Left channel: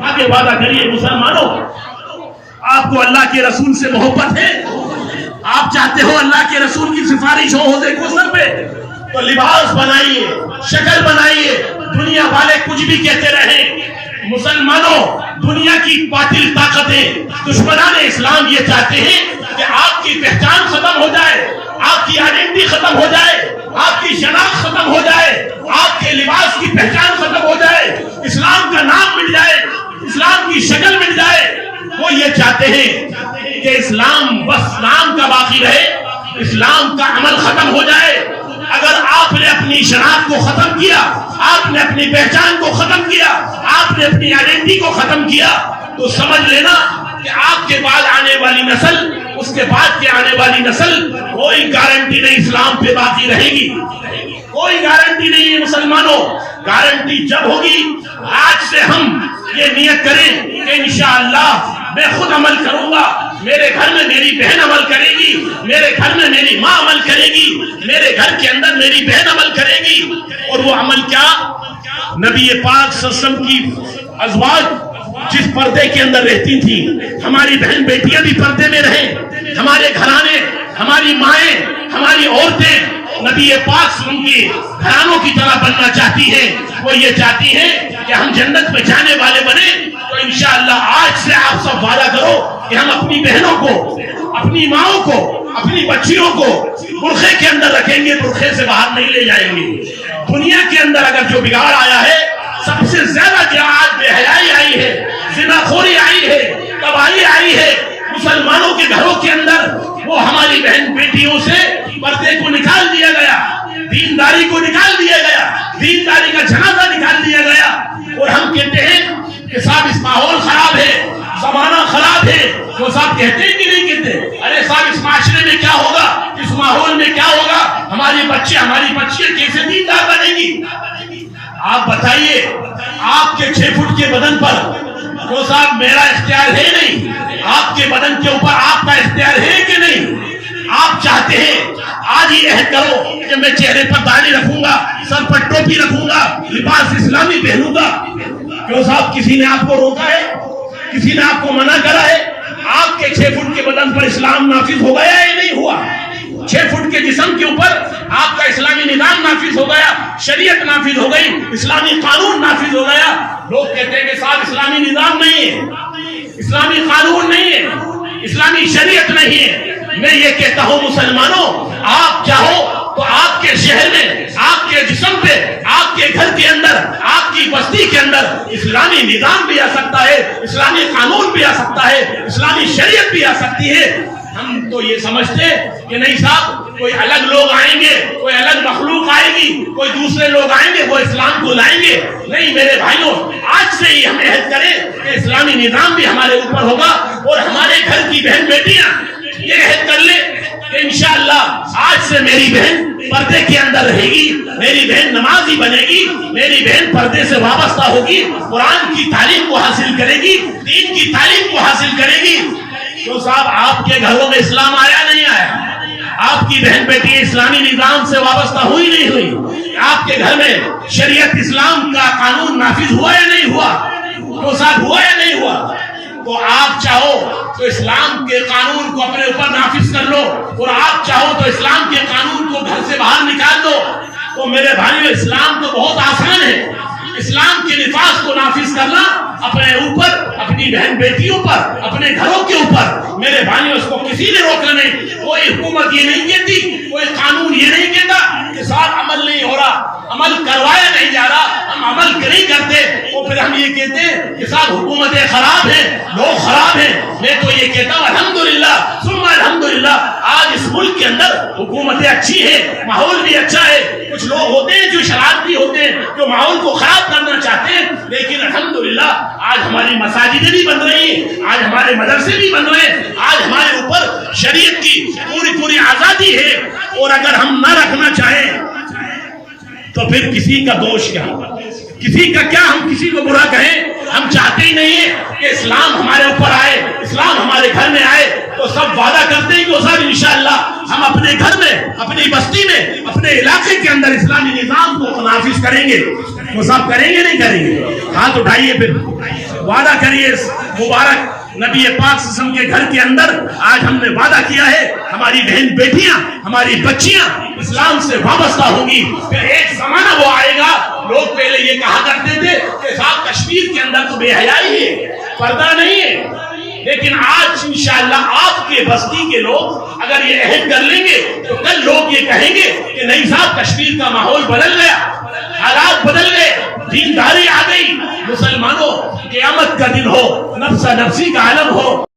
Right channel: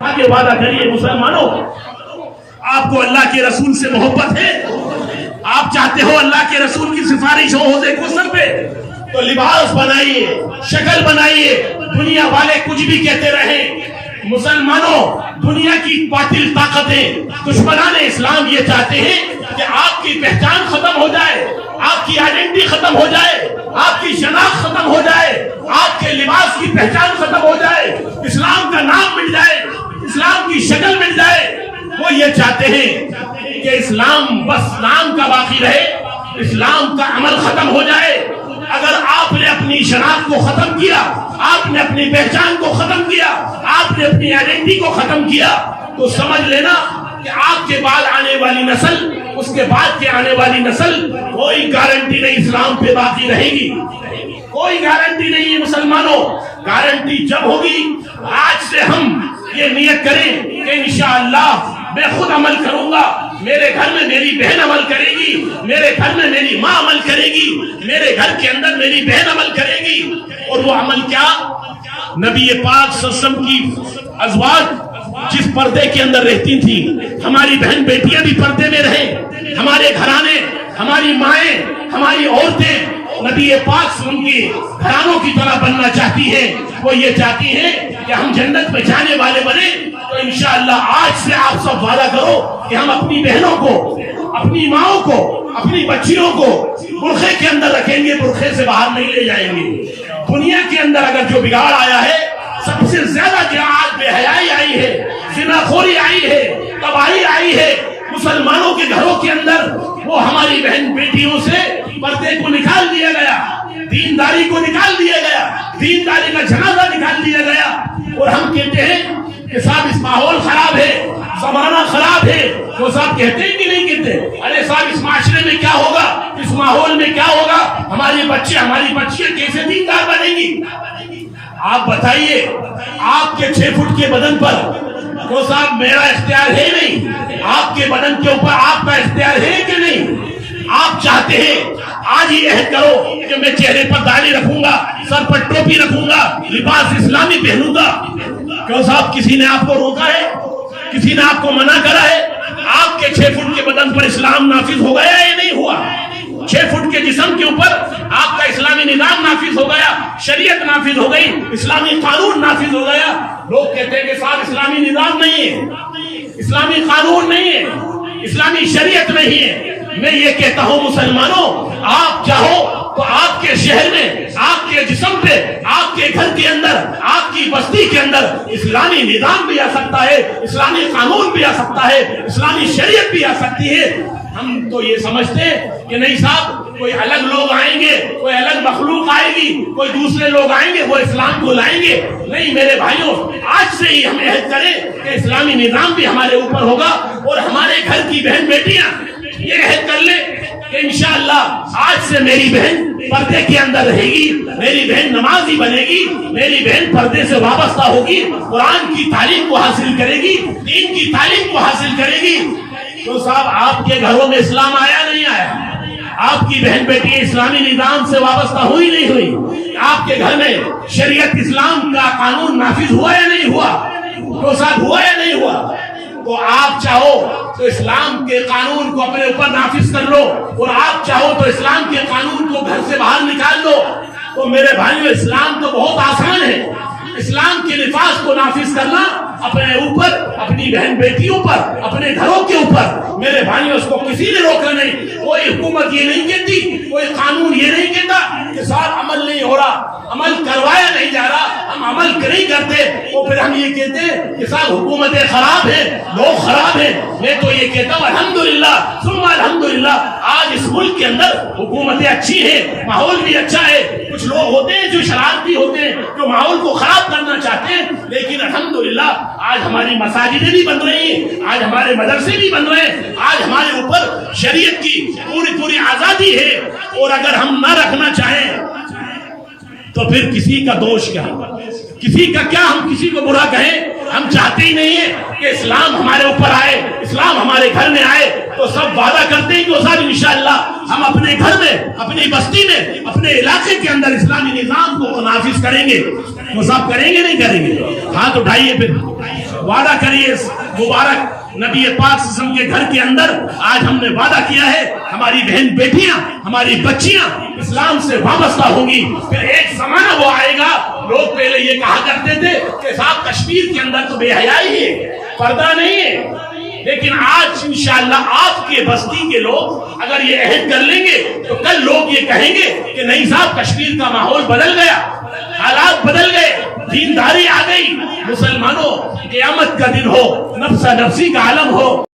آگے وعدہ کریے مسلمانوں، آپ کو اللہ کے رسول سے محبت ہے، آپ چاہتے ہو اللہ کے رسول کی سفارش ہو حوض کوثر پہ، تو لباس بنائیے، شکل بنائیے، دنیا والے کچھ بھی کہتے رہیں۔ مسلمانوں، دنیا کی باطل طاقتیں دشمنان اسلام یہ چاہتے ہیں کہ آپ کی پہچان ختم ہو جائے، آپ کی آئیڈینٹی ختم ہو جائے، آپ کی شناخت ختم ہو جائے، آپ کے لباس کی پہچان ختم ہو جائے، اسلام کا نام مٹ جائے، اسلام کی شکل مل جائے۔ وہ یہ چاہتے ہیں کہ اسلام بس نام کا باقی رہے، اسلام کا عمل ختم ہو جائے۔ اگر آپ نے اپنی شناخت کو ختم کیا، آپ نے اپنی پہچان کو ختم کیا، آپ نے اپنی آئیڈینٹی کو ختم کیا، تو سمجھ لینا کہ آپ کے بعد آنے والی نسل، اس کے بعد کے آنے والی نسل، کوئی گارنٹی نہیں اسلام پہ باقی رہے گی، کوئی گارنٹی نہیں ہے مسلمانوں۔ گارنٹی جب ہوگی، آج سے ہم یہ نیت کریں کہ انشاءاللہ میں خود عمل کروں گا، میرے گھر میں میری بہن عمل کرے گی، میرے گھر میں میری ماں عمل کرے گی، میرے گھر کے اندر میری بہن عمل کرے گی۔ اور وہ عمل کیا؟ نبی پاک صلی اللہ علیہ وسلم کی ازواج جس پردے کے اندر رہتی تھی، ہماری بہن بیٹیاں بھی پردے میں رہیں، ہمارے گھرانے، ہماری مائیں، ہماری عورتیں نبی پاک صلی اللہ علیہ وسلم کی گھرانوں کی طرح بننا چاہتی ہیں۔ وہ یہ چاہتی ہیں کہ ہم جنت میں جانے والے بنے۔ تو انشاءاللہ آج سے آپ سب وعدہ کرو کہ ہم اپنی بہنوں کو، اپنی ماؤں کو، اپنی بچیوں کو برقعے کے اندر رکھیں گے، برقعے سے باہر نہیں لے جائیں گے۔ دنیا کے اندر اگر جو بگاڑ آیا ہے، سب سے زیادہ جو آج بے حیائی آئی ہے، زنا خوری آئی ہے، تباہی آئی ہے مسلمانوں کے گھروں کے اندر، وہ ہماری بہن بیٹیوں سے پردے کو نکال دیا گیا، دینداری کو نکال دیا گیا، دینداری کا جنازہ نکال دیا گیا۔ اور ہم کہتے ہیں کہ صاحب اس ماحول خراب ہے، زمانہ خراب ہے۔ وہ صاحب کہتے ہیں کہ نہیں کہتے؟ ارے صاحب اس معاشرے میں کیا ہوگا، اس ماحول میں کیا ہوگا، ہمارے بچے، ہماری بچیاں کیسے دیندار بنیں گی؟ آپ بتائیے، آپ کے 6 فٹ کے بدن پر وہ صاحب میرا اختیار ہے نہیں، آپ کے بدن کے اوپر آپ کا اختیار ہے کہ نہیں؟ آپ چاہتے ہیں آج یہ عہد کرو کہ میں چہرے پر داڑھی رکھوں گا، سر پر ٹوپی رکھوں گا، لباس اسلامی پہنوں گا۔ کیوں صاحب کسی نے آپ کو روکا ہے؟ کسی نے آپ کو منع کرا ہے؟ آپ کے 6 فٹ کے بدن پر اسلام نافذ ہو گیا یا نہیں ہوا؟ 6 فٹ کے جسم کے اوپر آپ کا اسلامی نظام نافذ ہو گیا، شریعت نافذ ہو گئی، اسلامی قانون نافذ ہو گیا۔ لوگ کہتے ہیں کہ صاحب اسلامی نظام نہیں ہے، اسلامی قانون نہیں ہے، اسلامی شریعت نہیں ہے۔ میں یہ کہتا ہوں مسلمانوں، آپ چاہو تو آپ کے شہر میں، آپ کے جسم پہ، آپ کے گھر کے اندر، آپ کی بستی کے اندر اسلامی نظام بھی آ سکتا ہے، اسلامی قانون بھی آ سکتا ہے، اسلامی شریعت بھی آ سکتی ہے۔ ہم تو یہ سمجھتے کہ نہیں صاحب کوئی الگ لوگ آئیں گے، کوئی الگ مخلوق آئے گی، کوئی دوسرے لوگ آئیں گے، وہ اسلام کو لائیں گے۔ نہیں میرے بھائیوں، آج سے ہی ہم عہد کریں کہ اسلامی نظام بھی ہمارے اوپر ہوگا، اور ہمارے گھر کی بہن بیٹیاں یہ عہد کر لیں کہ انشاءاللہ آج سے میری بہن پردے کے اندر رہے گی، میری بہن نمازی بنے گی، میری بہن پردے سے وابستہ ہوگی، قرآن کی تعلیم کو حاصل کرے گی، دین کی تعلیم کو حاصل کرے گی۔ تو صاحب آپ کے گھروں میں اسلام آیا نہیں آیا؟ آپ کی بہن بیٹی اسلامی نظام سے وابستہ ہوئی نہیں ہوئی؟ آپ کے گھر میں شریعت اسلام کا قانون نافذ ہوا یا نہیں ہوا؟ تو صاحب ہوا یا نہیں ہوا؟ تو آپ چاہو تو اسلام کے قانون کو اپنے اوپر نافذ کر لو، اور آپ چاہو تو اسلام کے قانون کو گھر سے باہر نکال دو۔ تو میرے بھائیو، اسلام تو بہت آسان ہے۔ اسلام کے نفاذ کو نافذ کرنا اپنے اوپر، اپنی بہن بیٹیوں پر، اپنے گھروں کے اوپر، میرے بھائیو اس کو کسی نے روکنا نہیں۔ کوئی حکومت یہ نہیں کہتی، کوئی قانون یہ نہیں کہتا کہ صاحب عمل نہیں ہو رہا، عمل کروایا نہیں جا رہا، ہم عمل نہیں کرتے، اور پھر ہم یہ کہتے ہیں کہ صاحب حکومتیں خراب ہیں، لوگ خراب ہیں۔ میں تو یہ کہتا ہوں الحمدللہ ثم الحمدللہ، آج اس ملک کے اندر حکومتیں اچھی ہیں، ماحول بھی اچھا ہے۔ کچھ لوگ ہوتے ہیں جو شرارتی ہوتے ہیں، جو ماحول کو خراب کرنا چاہتے ہیں، لیکن الحمدللہ آج ہماری مساجدیں بھی بن رہی ہیں، آج ہمارے مدرسے بھی بن رہے ہیں، آج ہمارے اوپر شریعت کی پوری آزادی ہے۔ اور اگر ہم نہ رکھنا چاہیں تو پھر کسی کا دوش کیا، کسی کا کیا، ہم کسی کو برا کہیں؟ ہم چاہتے ہی نہیں ہیں کہ اسلام ہمارے اوپر آئے، اسلام ہمارے گھر میں آئے، تو سب وعدہ کرتے ہیں کہ صاحب انشاءاللہ ہم اپنے گھر میں، اپنی بستی میں، اپنے علاقے کے اندر اسلامی نظام کو نافذ کریں گے۔ وہ صاحب کریں گے نہیں کریں گے؟ ہاتھ اٹھائیے، پھر وعدہ کریے اس مبارک نبی پاک صلی اللہ علیہ وسلم کے گھر کے اندر۔ آج ہم نے وعدہ کیا ہے ہماری بہن بیٹیاں، ہماری بچیاں اسلام سے وابستہ ہوں گی۔ پھر ایک زمانہ وہ آئے گا، لوگ پہلے یہ کہا کرتے تھے کہ صاحب کشمیر کے اندر تو بے حیائی ہے، پردہ نہیں ہے، لیکن آج انشاءاللہ آپ کے بستی کے لوگ اگر یہ عہد کر لیں گے تو کل لوگ یہ کہیں گے کہ نہیں صاحب کشمیر کا ماحول بدل گیا، حالات بدل گئے، دینداری آ گئی۔ مسلمانوں قیامت کا دن ہو، نفس نفسی کا عالم ہو۔